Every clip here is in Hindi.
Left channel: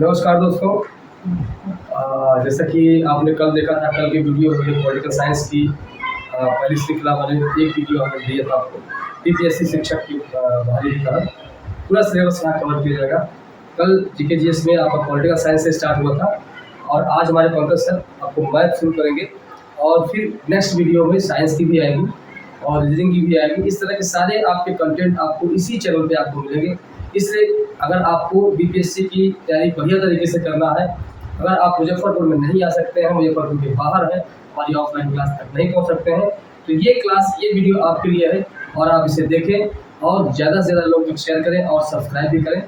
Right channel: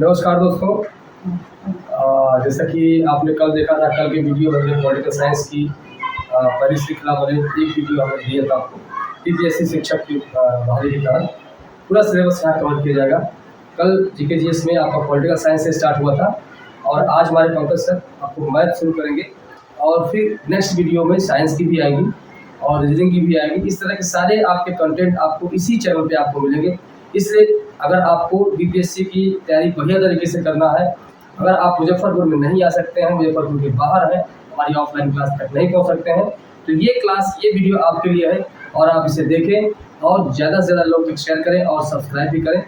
नमस्कार दोस्तों। जैसा कि आपने कल देखा था, कल की वीडियो में हमने पॉलिटिकल साइंस की पहली श्रृंखला वाले एक वीडियो हमने दिया था आपको पीपीएससी शिक्षक की बहाली के तहत पूरा सिलेबस यहाँ कवर किया जाएगा। कल जीके जीएस में आपका पॉलिटिकल साइंस से स्टार्ट हुआ था और आज हमारे पंकज सर आपको मैथ शुरू करेंगे और फिर नेक्स्ट वीडियो में साइंस की भी आएगी और रीजनिंग की भी आएगी। इस तरह के सारे आपके कंटेंट आपको इसी चैनल पे आपको मिलेंगे। इसलिए अगर आपको बीपीएससी की तैयारी बढ़िया तरीके से करना है, अगर आप मुजफ्फरपुर में नहीं आ सकते हैं, मुजफ्फरपुर के बाहर हैं, हमारी ऑफलाइन क्लास तक नहीं पहुंच सकते हैं, तो ये वीडियो आपके लिए है और आप इसे देखें और ज़्यादा से ज़्यादा लोग तक शेयर करें और सब्सक्राइब भी करें।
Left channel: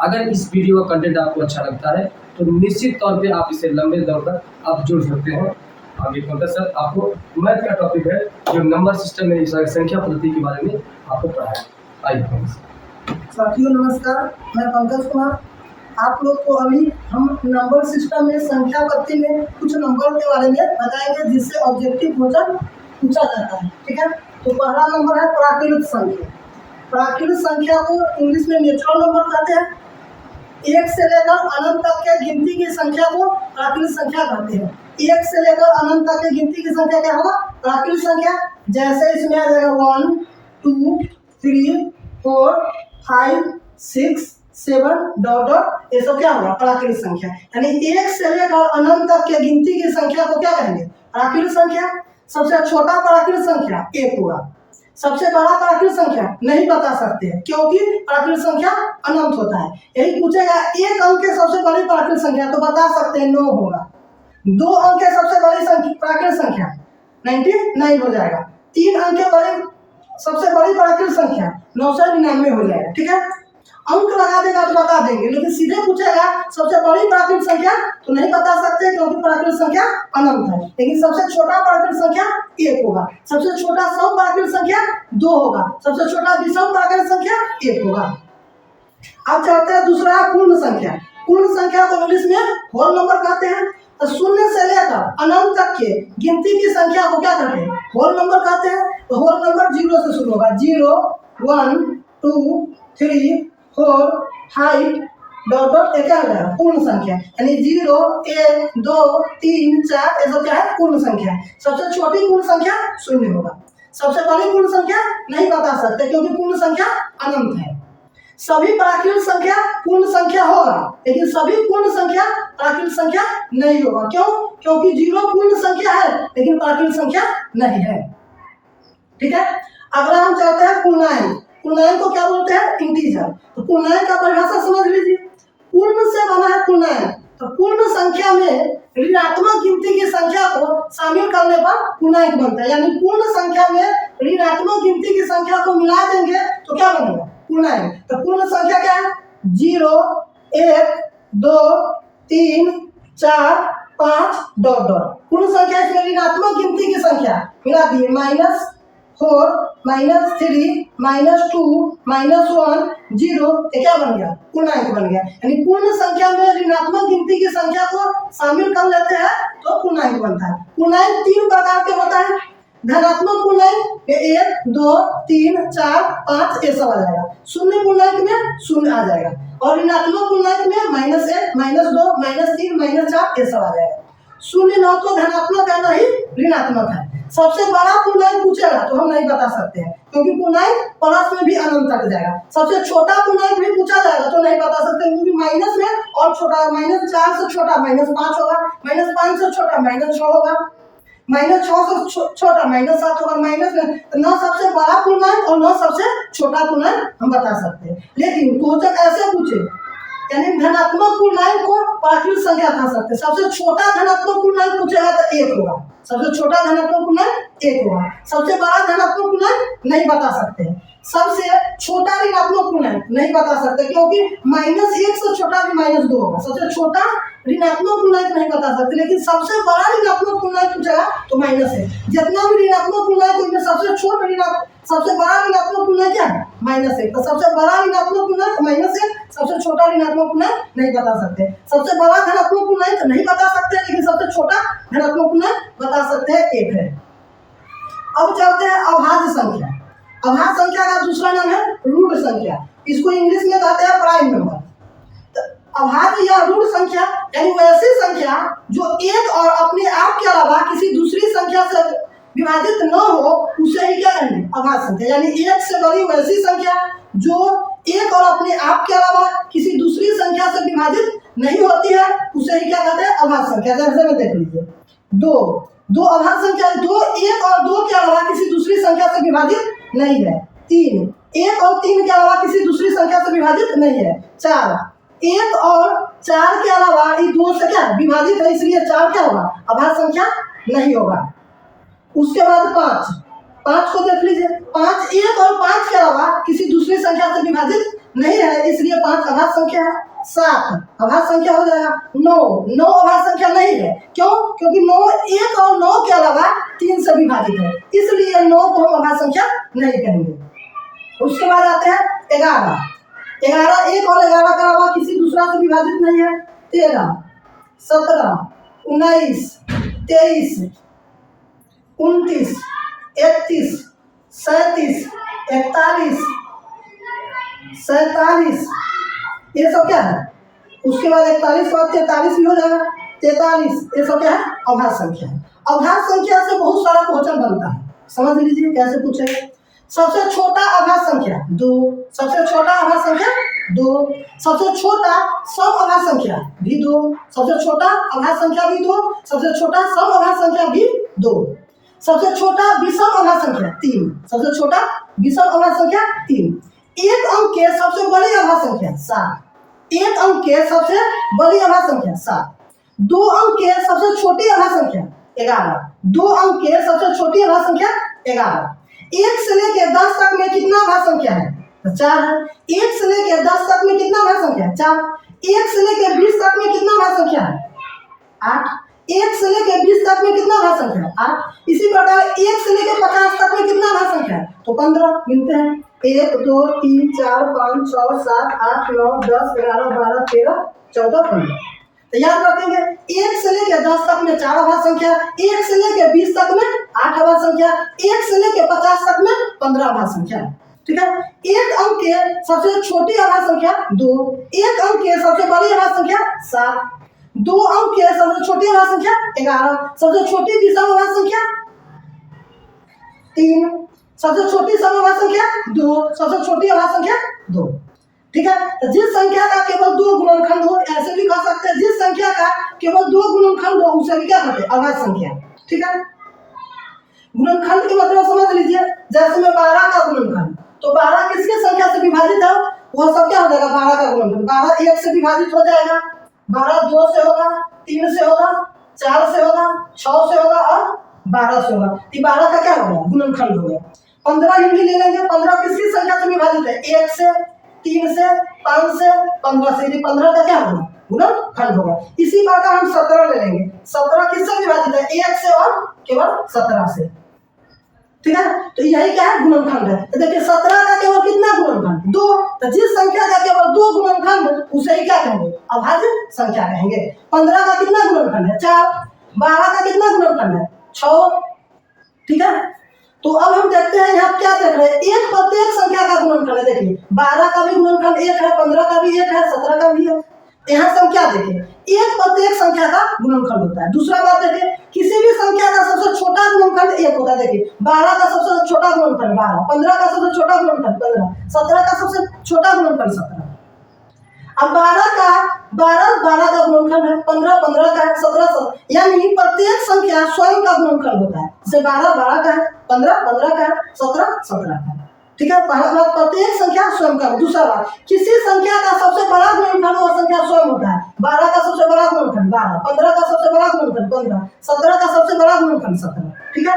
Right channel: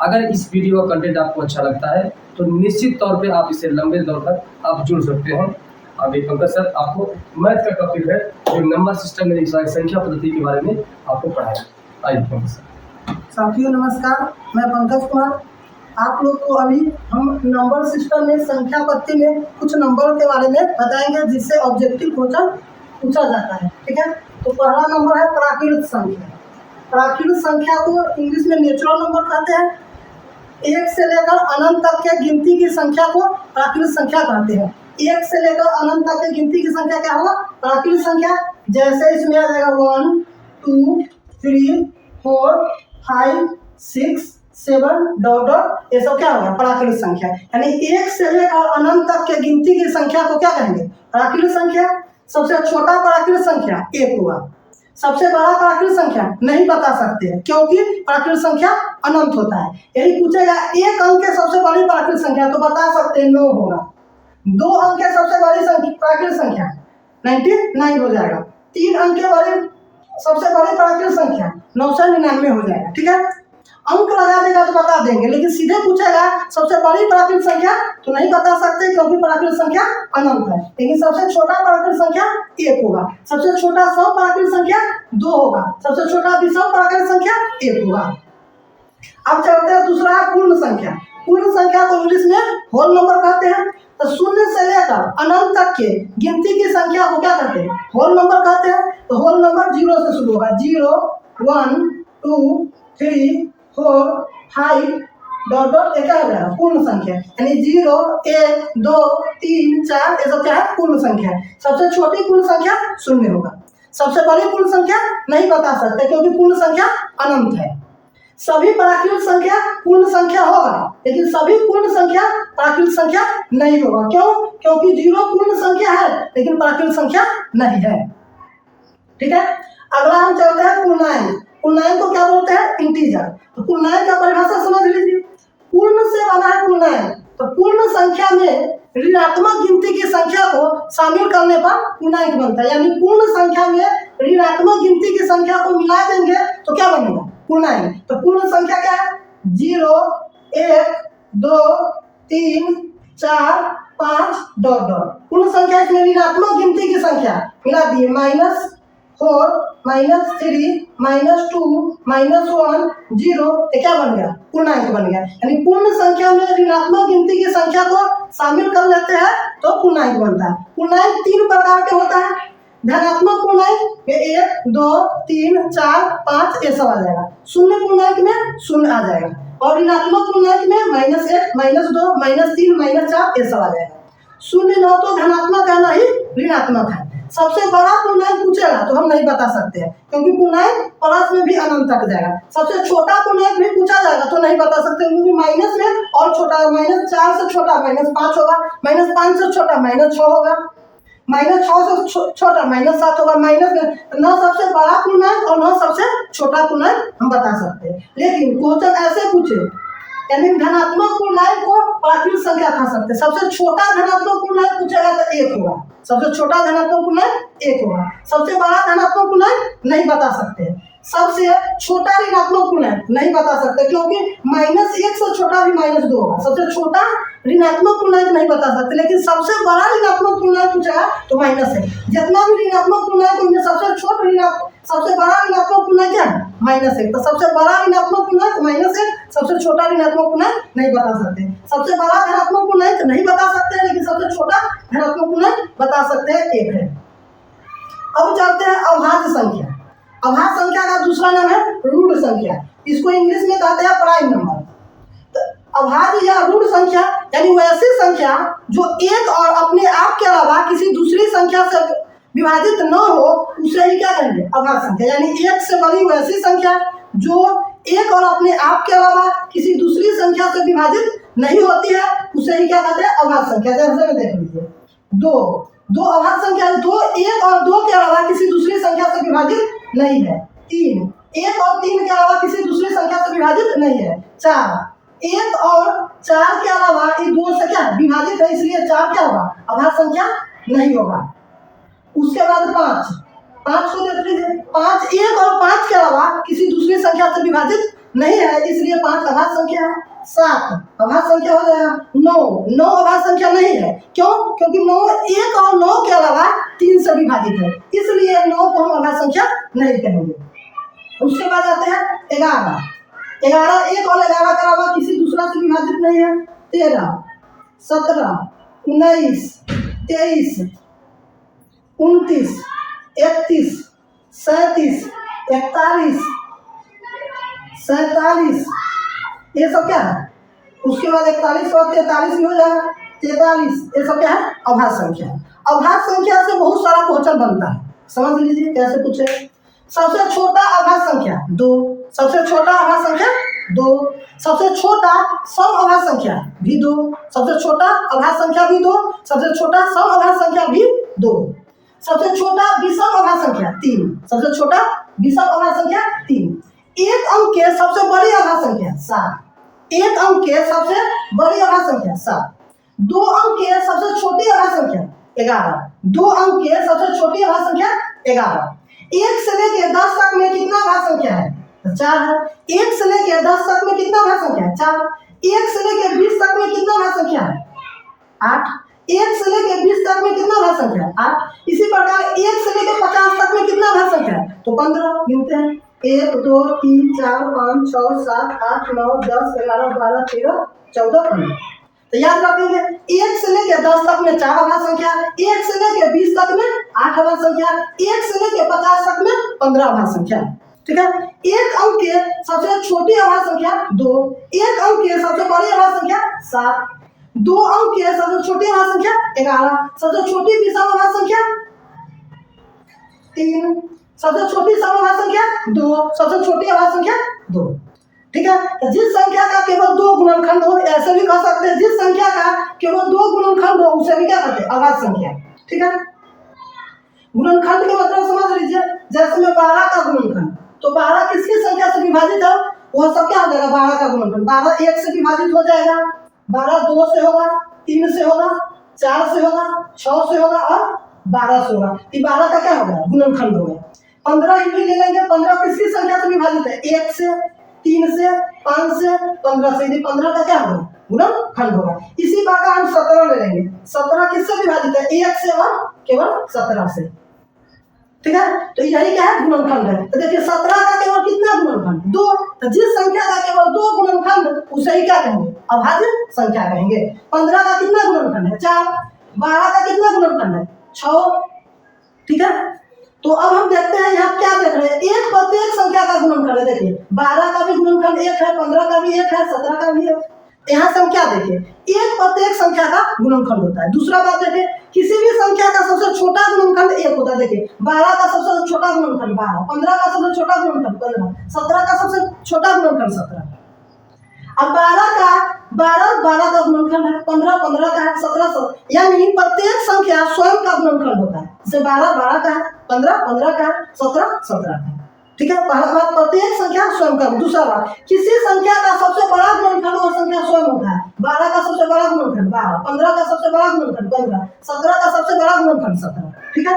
अगर इस वीडियो का कंटेंट आपको अच्छा लगता है तो निश्चित तौर पे आप इसे लंबे दौर तक आप जुड़ सकते हैं। अभी पंकज सर आपको मैथ का टॉपिक है जो नंबर सिस्टम में संख्या पद्धति के बारे में आपको पढ़ाएंगे। आइए पंकज सर। साथियों नमस्कार, मैं पंकज कुमार। आप लोग को अभी हम नंबर सिस्टम में संख्या पद्धति में कुछ नंबर के बारे में बताएंगे जिससे ऑब्जेक्टिव क्वेश्चन पूछा जाता है। ठीक है, तो पहला नंबर है प्राकृत संख्या। प्राकृत संख्या को इंग्लिश में नेचुरल नंबर कहते हैं। एक से लेकर अनंत तक के गिनती की संख्या को प्राकृत संख्या कहते हैं। एक से लेकर अनंत तक की गिनती की संख्या क्या होगा? प्राकृत संख्या। जैसे इसमें आ जाएगा 1 2 3 4 5 6 7 डॉट डॉट, ये सब क्या होगा? प्राकृत संख्या। यानी एक से लेकर अनंत तक के गिनती की संख्या को क्या कहेंगे? प्राकृत संख्या। सबसे छोटा प्राकृत संख्या एक हुआ। सबसे बड़ा प्राकृत संख्या नहीं बता सकते हैं क्योंकि प्राकृत संख्या अनंत होता है। यही पूछेगा एक अंक के सबसे बड़ी प्राकृत संख्या तो बता सकते हैं 9 होगा। 2 अंक के सबसे बड़ी प्राकृत संख्या 99 हो जाएगा। 3 अंक के बड़े सबसे बड़ी प्राकृत संख्या 999 हो जाएगा। ठीक है, अंक लगा देगा तो बता देंगे, लेकिन सीधे पूछेगा सबसे बड़ी प्राकृत संख्या तो नहीं बता सकते क्योंकि प्राकृत संख्या अनंत है। लेकिन सबसे छोटा प्राकृत संख्या 1 होगा, सबसे छोटा सम प्राकृत संख्या 2 होगा, सबसे छोटा विषम प्राकृत संख्या 1 होगा। अब चलते हैं दूसरा पूर्ण संख्या। पूर्ण संख्या को इंग्लिश में होल नंबर कहते हैं। तो शून्य से लेकर अनंत तक के गिनती की संख्या को क्या कहते हैं? होल नंबर कहते हैं। तो होल नंबर 0 से शुरू होगा। 0 1 2 3 4 5 डॉट डॉट, ये क्या हो जाएगा? पूर्ण संख्या। यानी 0 1 2 3 4 ये सब क्या है? पूर्ण संख्या है। सबसे छोटी पूर्ण संख्या 0 होगा। सबसे बड़ी पूर्ण संख्या नहीं बता सकते क्योंकि पूर्ण संख्या अनंत है। सभी प्राकृत संख्या पूर्ण संख्या होगा, लेकिन सभी पूर्ण संख्या प्राकृत संख्या नहीं होगा। क्यों? क्योंकि 0 पूर्ण संख्या है लेकिन प्राकृत संख्या नहीं है। ठीक है, अगला हम चलते हैं पूर्णांक। पूर्णांक को क्या बोलते हैं? इंटीजर। तो पूर्णांक का परिभाषा समझ लीजिए। पूर्ण से बना है पूर्णांक। तो पूर्ण संख्या में ऋणात्मक गिनती की संख्या को शामिल करने पर पूर्णांक बनता है। यानी पूर्ण संख्या में ऋणात्मक गिनती की संख्या को मिला देंगे तो क्या बनेगा? पूर्णांक। तो पूर्ण संख्या क्या है? 0 1 2 3 4 5 डॉट डॉट। पूर्ण संख्या इसमें ऋणात्मक गिनती की संख्या मिला दिए -4 -3 -2 -1 0, ये क्या बन गया? पूर्णांक बन गया। यानी पूर्ण संख्या में ऋणात्मक गिनती की संख्या को शामिल कर लेते हैं तो पूर्णांक बनता है। पूर्णांक 3 प्रकार के होता है। धनात्मक पूर्णांक 1 2 3 4 5 ये सब आ जाएगा। शून्य पूर्णांक में 0 आ जाएगा और ऋणात्मक पूर्णांक में -1 -2 -3 -4 ये सब आ जाएगा। 0 न तो धनात्मक है, नहीं ऋणात्मक है। सबसे बड़ा पूर्णांक पूछेगा तो हम नहीं बता सकते हैं क्योंकि पूर्णांक प्लस में भी अनंत तक जाएगा। सबसे छोटा पूर्णांक भी पूछा जाएगा तो नहीं बता सकते क्योंकि माइनस में और छोटा, -4 से छोटा -5 होगा, -5 से छोटा -6 होगा, -6 से छोटा -7 होगा। माइनस में न सबसे बड़ा पूर्णांक और न सबसे छोटा पूर्णांक हम बता सकते हैं। लेकिन क्वेश्चन ऐसे पूछे यानी धनात्मक पूर्णांक को प्राकृत संख्या कह सकते हैं। सबसे छोटा धनात्मक पूर्णांक पूछेगा तो 1 होगा। सबसे छोटा धनात्मक पूर्णांक 1 होगा। सबसे बड़ा धनात्मक पूर्णांक नहीं बता सकते। सबसे छोटा ऋणात्मक पूर्णांक नहीं बता सकते क्योंकि -1 से छोटा भी -2 होगा। सबसे छोटा ऋणात्मक पूर्णांक नहीं बता सकते, लेकिन सबसे बड़ा ऋणात्मक पूर्णांक पूछेगा तो माइनस है। जितना भी ऋणात्मक पूर्णांक उनमें सबसे बड़ा ऋणात्मक पूर्णांक क्या है? -1। तो सबसे बड़ा ऋणात्मक पूर्णांक -1, सबसे छोटा ऋणात्मक पूर्णांक नहीं बता सकते। सबसे बड़ा धनात्मक पूर्णांक नहीं बता सकते लेकिन सबसे छोटा धनात्मक पूर्णांक बता सकते हैं, 1 है। अब चलते हैं अभाज्य संख्या। अभाज्य संख्या का दूसरा नाम है रूट संख्या। इसको इंग्लिश में कहते हैं प्राइम नंबर। अभाज्य या ऋण संख्या यानी वैसी संख्या जो एक और अपने आप के अलावा किसी दूसरी संख्या से विभाजित न हो उसे ही क्या कहेंगे? अभाज्य संख्या। यानी एक से बड़ी वैसी संख्या जो एक और अपने आप के अलावा किसी दूसरी संख्या से विभाजित नहीं होती है उसे ही क्या कहते हैं? अभाज्य संख्या। जैसे में देख लीजिए, दो अभाज्य संख्या, दो एक और दो के अलावा किसी दूसरी संख्या से विभाजित नहीं है। तीन एक और तीन के अलावा किसी दूसरी संख्या से विभाजित नहीं है। चार एक और चार के अलावा ये दो से क्या विभाजित है, इसलिए चार क्या होगा? अभाज्य संख्या नहीं होगा। उसके बाद पाँच को देख लीजिए, पाँच एक और पाँच के अलावा किसी दूसरी संख्या से विभाजित नहीं है, इसलिए पाँच अभाज्य संख्या है। सात अभाज्य संख्या हो जाएगा। नौ अभाज्य संख्या नहीं है। क्यों? क्योंकि नौ एक और नौ के अलावा तीन से विभाजित है, इसलिए नौ को हम अभाज्य संख्या नहीं कहेंगे। उसके बाद आते हैं 11 एक और 11 के अलावा किसी दूसरा से विभाजित नहीं है। 13 17 19 23 29 31 37 41 47 ये सब क्या है? उसके बाद 41 के बाद 43 भी हो जाएगा। 43 ये सब क्या है? अभाज्य संख्या है। अभाज्य संख्या से बहुत सारा क्वेश्चन बनता है, समझ लीजिए कैसे पूछे। सबसे छोटा अभाज्य संख्या 2, सबसे छोटा अभाज्य संख्या 2, सबसे छोटा सम अभाज्य संख्या भी 2, सबसे छोटा अभाज्य संख्या भी 2, सबसे छोटा सम अभाज्य संख्या भी 2, सबसे छोटा विषम अभाज्य संख्या 3, सबसे छोटा विषम अभाज्य संख्या 3, एक अंक के सबसे बड़ी अभाज्य संख्या 7, एक अंक के सबसे बड़ी अभाज्य संख्या 7, 2 अंक के सबसे छोटी अभाज्य संख्या 11, 2 अंक के सबसे छोटी अभाज्य संख्या 11, 1 से लेकर 10 तक में कितना अभाज्य संख्या है? तो 4 है। 1 से लेकर 10 तक में कितना अभाज्य संख्या है? 4। 1 से लेकर 20 तक में कितना अभाज्य संख्या है? 8। 1 से लेकर 20 तक में कितना अभाज्य संख्या है? 8। इसी प्रकार 1 से लेकर 50 तक में कितना अभाज्य संख्या है? तो 15 गिनते हैं। 1 2 3 4 5 6 7 8 9 10 11 12 13 14 15। तो याद रखेंगे 1 से लेकर 10 तक में 4 अभाज्य संख्या, 1 से लेकर 20 तक में 8 अभाज्य संख्या, 1 से लेकर 50 तक में 15 अभाज्य संख्या। ठीक है। एक अंक के सबसे छोटी अभाज्य संख्या 2, एक अंक के सबसे बड़ी अभाज्य संख्या 7, 2 अंक के सबसे छोटी अभाज्य संख्या 11, सबसे छोटी विषम अभाज्य संख्या 3, सबसे छोटी सम अभाज्य संख्या 2, सबसे छोटी अभाज्य संख्या 2। ठीक है। तो जिस संख्या का केवल 2 गुणनखंड हो, ऐसे भी कह सकते हैं, जिस संख्या का केवल 2 गुणनखंड हो उसे भी क्या कहते हैं? अभाज्य संख्या। ठीक है। गुणनखंड के मतलब समझ लीजिए, जैसे में 12 का गुणनखंड, तो 12 किसकी संख्या से विभाजित है? वह सब क्या हो जाएगा? 12 का गुणनखंड। 12 1 से विभाजित हो जाएगा, 12 2 से होगा, 3 से होगा, 4 से होगा, 6 से होगा और 12 से होगा। 12 का क्या हो गया? गुणनखंड हो गया। 15 ही भी ले लेंगे। 15 किसकी संख्या से विभाजित है? 1 से, 3 से, 5 से, 15 से। यदि 15 का क्या होगा? गुणनखंड होगा। इसी प्रकार हम 17 ले लेंगे। 17 किससे विभाजित है? 1 से और केवल 17 से। ठीक है। तो यही क्या है? गुणनखंड है। तो देखिए 17 का केवल कितना गुणनखंड? 2। तो जिस संख्या का केवल 2 गुणनखंड उसे ही क्या कहेंगे? अभाज्य संख्या कहेंगे। 15 का कितना गुणनखंड है? 4। 12 का कितना गुणनखंड है? 6। ठीक है। तो अब हम देखते हैं यहाँ क्या देख रहे हैं, एक प्रत्येक संख्या का गुणनखंड है। देखिए 12 का भी गुणनखंड 1 है, 15 का भी 1 है, 17 का भी है। यहाँ से हम क्या देखें, एक प्रत्येक संख्या का गुणनखंड होता है। दूसरा बात देखें, किसी भी संख्या का सबसे छोटा गुणनखंड 1 होता है। देखिए 12 का सबसे छोटा गुणनखंड 12, 15 का सबसे छोटा गुणनखंड 15, 17 का सबसे छोटा गुणनखंड 17। अब 12 का गुणनखंड है, 15 का है, 17 यानी प्रत्येक संख्या स्वयं का गुणनखंड होता है। जैसे 12 का है, 15 का है, 17 का है। ठीक है। पहला बात, प्रत्येक संख्या स्वयं का। दूसरा बात, किसी संख्या का सबसे बड़ा गुणनखंड वो संख्या स्वयं होता है। 12 का सबसे बड़ा गुणनखंड 12, 15 का सबसे बड़ा गुणनखंड 15, 17 का सबसे बड़ा गुणनखंड 17। ठीक है।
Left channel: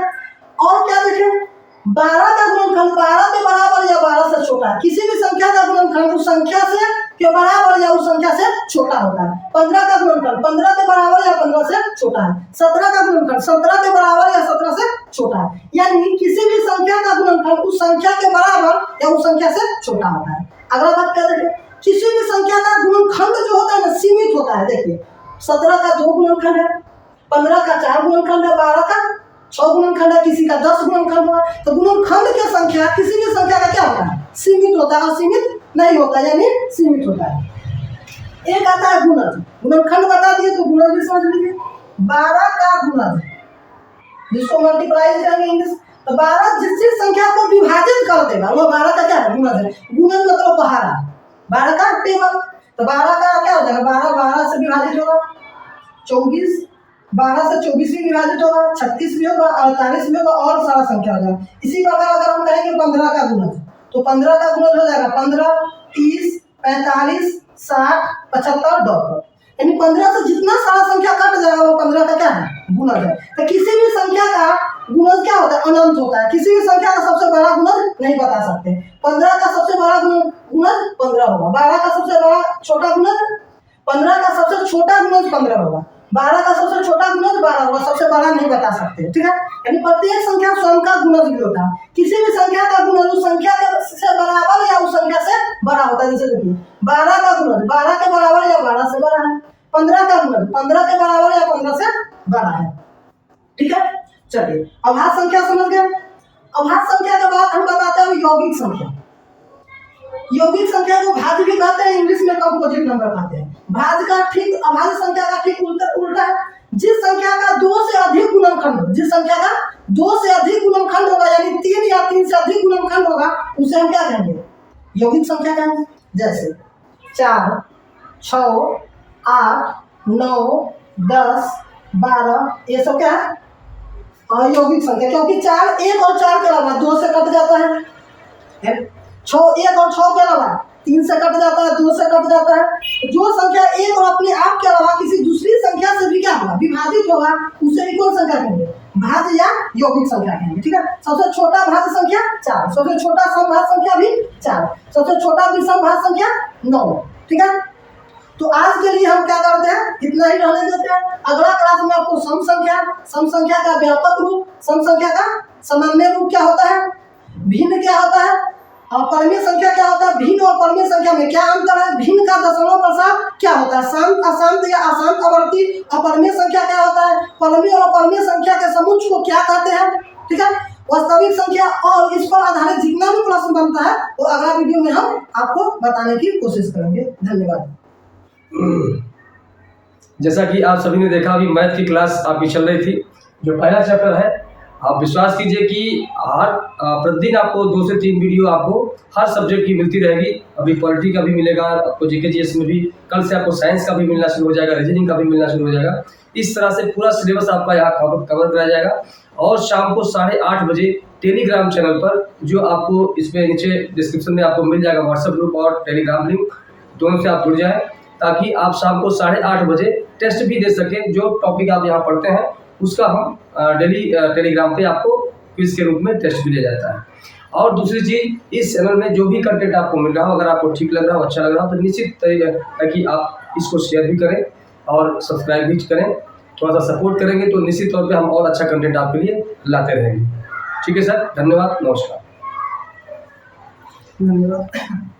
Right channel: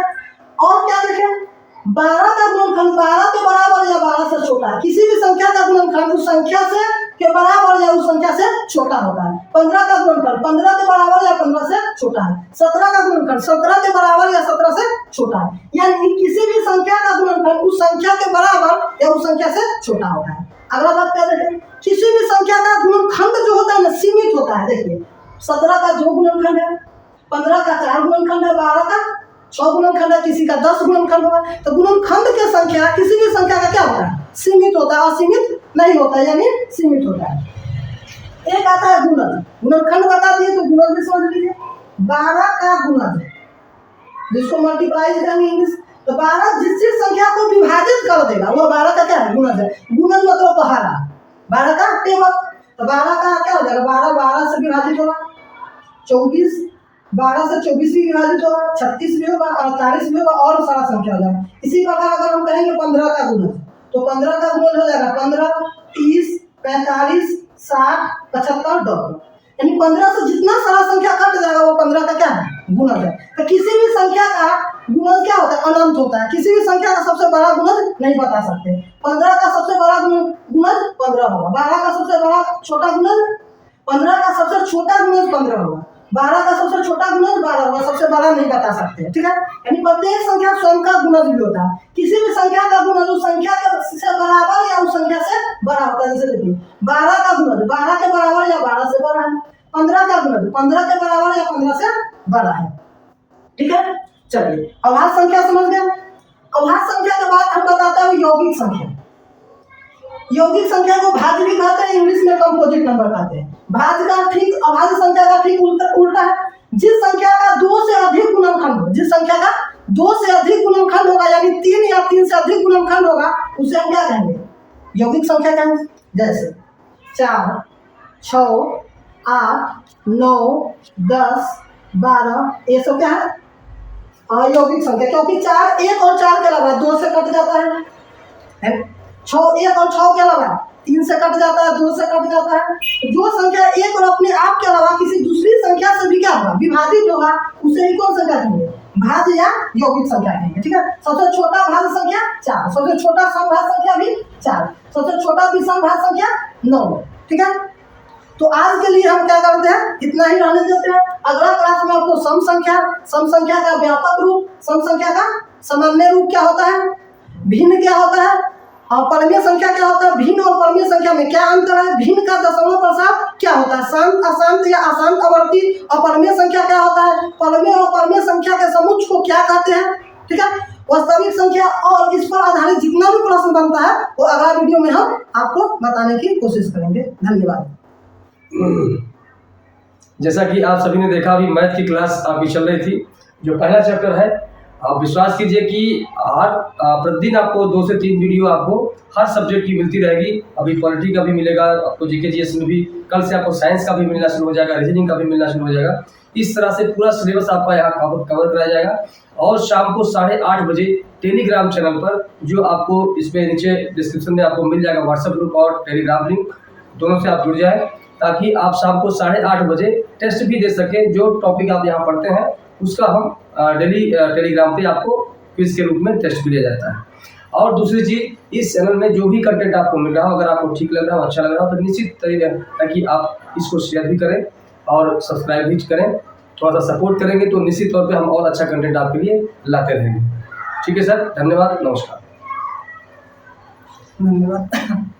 और क्या देखें, 12 का गुणनखंड 12 के बराबर या 12 से छोटा है। किसी भी संख्या का गुणनखंड उस संख्या से के बराबर या उस संख्या से छोटा होता है। 15 का गुणनखंड 15 के बराबर या 15 से छोटा है। 17 का गुणनखंड 17 के बराबर या 17 से छोटा है। यानी किसी भी संख्या का गुणनखंड उस संख्या के बराबर या उस संख्या से छोटा होता है। अगला बात क्या देखें, किसी भी संख्या का गुणनखंड जो होता है ना, सीमित होता है। देखिए 17 का 2 गुणनखंड है, 15 का 4 गुणनखंड है, 12 का 6 गुणनखंड है, किसी का 10 गुणनखंड होगा। तो गुणनखंड की संख्या किसी भी संख्या का क्या होता है? सीमित होता है। असीमित नहीं होता, यानी सीमित होता है। एक आता है गुणज, गुणनखंड बता दिए तो गुणज भी समझ लीजिए। 12 का गुणज जिसको मल्टीप्लाई करेंगे इंग्लिश, तो 12 जिस जिस संख्या को विभाजित कर देगा वो 12 का क्या है, गुणज है। गुणज मतलब पहाड़ा, 12 का टेबल, तो 12 का क्या हो जाएगा, 12 से विभाजित होगा 24, 12 से 24 भी विभाजित होगा, 36 भी होगा, 48 भी होगा और सारा संख्या हो जाएगा। इसी प्रकार अगर हम कहेंगे 15 का गुणज, तो 15 का गुणज हो जाएगा 15, 30, 45, 60, 75, 72, यानी 15 से जितना सारा संख्या कट जाएगा वो 15 का क्या है, गुणज है। तो किसी भी संख्या का गुणज क्या होता है, अनंत होता है। किसी भी संख्या का सबसे बड़ा गुणज नहीं बता सकते। 15 का सबसे बड़ा गुणज 15 होगा, 12 का सबसे बड़ा छोटा गुणज 15 का सबसे छोटा गुणज 15 होगा, 12 का सबसे छोटा गुणज 12 होगा, सबसे बड़ा नहीं बता सकते, ठीक है। यानी प्रत्येक संख्या स्वयं का गुणज भी होता है। किसी भी संख्या का गुणज उस संख्या से बराबर या उस संख्या से बड़ा होता है। जैसे देखिए 12 का गुणज 12 के बराबर या 12 से बड़ा है, 15 का गुणज 15 के बराबर या 15 से बड़ा है, ठीक है। चलिए अभाज्य संख्या समझ गए। अभाज्य संख्या के बाद हम बताते हैं यौगिक संख्या। यौगिक संख्या को भाज्य भी कहते हैं, इंग्लिश में कंपोजिट नंबर कहते हैं। भाज्य का ठीक अभाज्य संख्या का ठीक उल्टा है। जिस संख्या का 2 से अधिक गुणनखंड हो, जिस संख्या का 2 से अधिक गुणनखंड होगा यानी 3 या 3 से अधिक गुणनखंड होगा उसे हम क्या कहेंगे, यौगिक संख्या कहेंगे। जैसे 4, 6, 8, 9, 10, 12 ये सब क्या है, अयौगिक संख्या, क्योंकि 4 1 और 4 के अलावा 2 से कट जाता है। 6 1 और 6 के अलावा 3 से कट जाता है, 2 से कट जाता है। जो संख्या 1 और अपने आप के अलावा किसी दूसरी संख्या से भी क्या होगा, विभाजित होगा, उसे ही कौन संख्या कहेंगे, भाज्य या यौगिक संख्या कहेंगे, ठीक है। सबसे छोटा भाज्य संख्या 4, सबसे छोटा समभाज्य संख्या भी 4, सबसे छोटा विषम भाज्य संख्या 9, ठीक है। तो आज के लिए हम क्या करते हैं, इतना ही रहने देते हैं। अगला क्लास में आपको सम संख्या का व्यापक रूप, सम संख्या का सामान्य रूप क्या होता है, भिन्न क्या होता है और परमीय संख्या क्या होता है, भिन्न और परमीय संख्या में क्या अंतर है, भिन्न का दशमलव प्रसाद क्या होता है, शांत अशांत या अशांत आवर्ती, और परमीय संख्या क्या होता है, परमीय और परमीय संख्या के समुच्चय को क्या कहते हैं, ठीक है। वास्तविक संख्या और इस पर आधारित जितना भी प्रश्न बनता है वो अगला वीडियो में हम आपको बताने की कोशिश करेंगे। धन्यवाद। जैसा कि आप सभी ने देखा अभी मैथ की क्लास आपकी चल रही थी। जो पहला चैप्टर है आप विश्वास कीजिए कि हर प्रतिदिन आपको 2 से 3 वीडियो आपको हर सब्जेक्ट की मिलती रहेगी। अभी पॉलिटी का भी मिलेगा आपको, जीके जीएस में भी, कल से आपको साइंस का भी मिलना शुरू हो जाएगा, रीजनिंग का भी मिलना शुरू हो जाएगा। इस तरह से पूरा सिलेबस आपका यहाँ कवर कराया जाएगा। और शाम को 8:30 बजे टेलीग्राम चैनल पर, जो आपको इसमें नीचे डिस्क्रिप्शन में आपको मिल जाएगा व्हाट्सएप ग्रुप और टेलीग्राम लिंक, दोनों से आप जुड़ जाएँ ताकि आप शाम को 8:30 बजे टेस्ट भी दे सकें। जो टॉपिक आप यहाँ पढ़ते हैं उसका हम डेली टेलीग्राम पे आपको क्विज के रूप में टेस्ट भी दिया जाता है। और दूसरी चीज़, इस चैनल में जो भी कंटेंट आपको मिल रहा हो, अगर आपको ठीक लग रहा हो, अच्छा लग रहा हो, तो निश्चित तरीके है कि आप इसको शेयर भी करें और सब्सक्राइब भी करें। थोड़ा सा सपोर्ट करेंगे तो निश्चित तौर पे हम और अच्छा कंटेंट आपके लिए लाते रहेंगे। ठीक है सर, धन्यवाद, नमस्कार। धन्यवाद।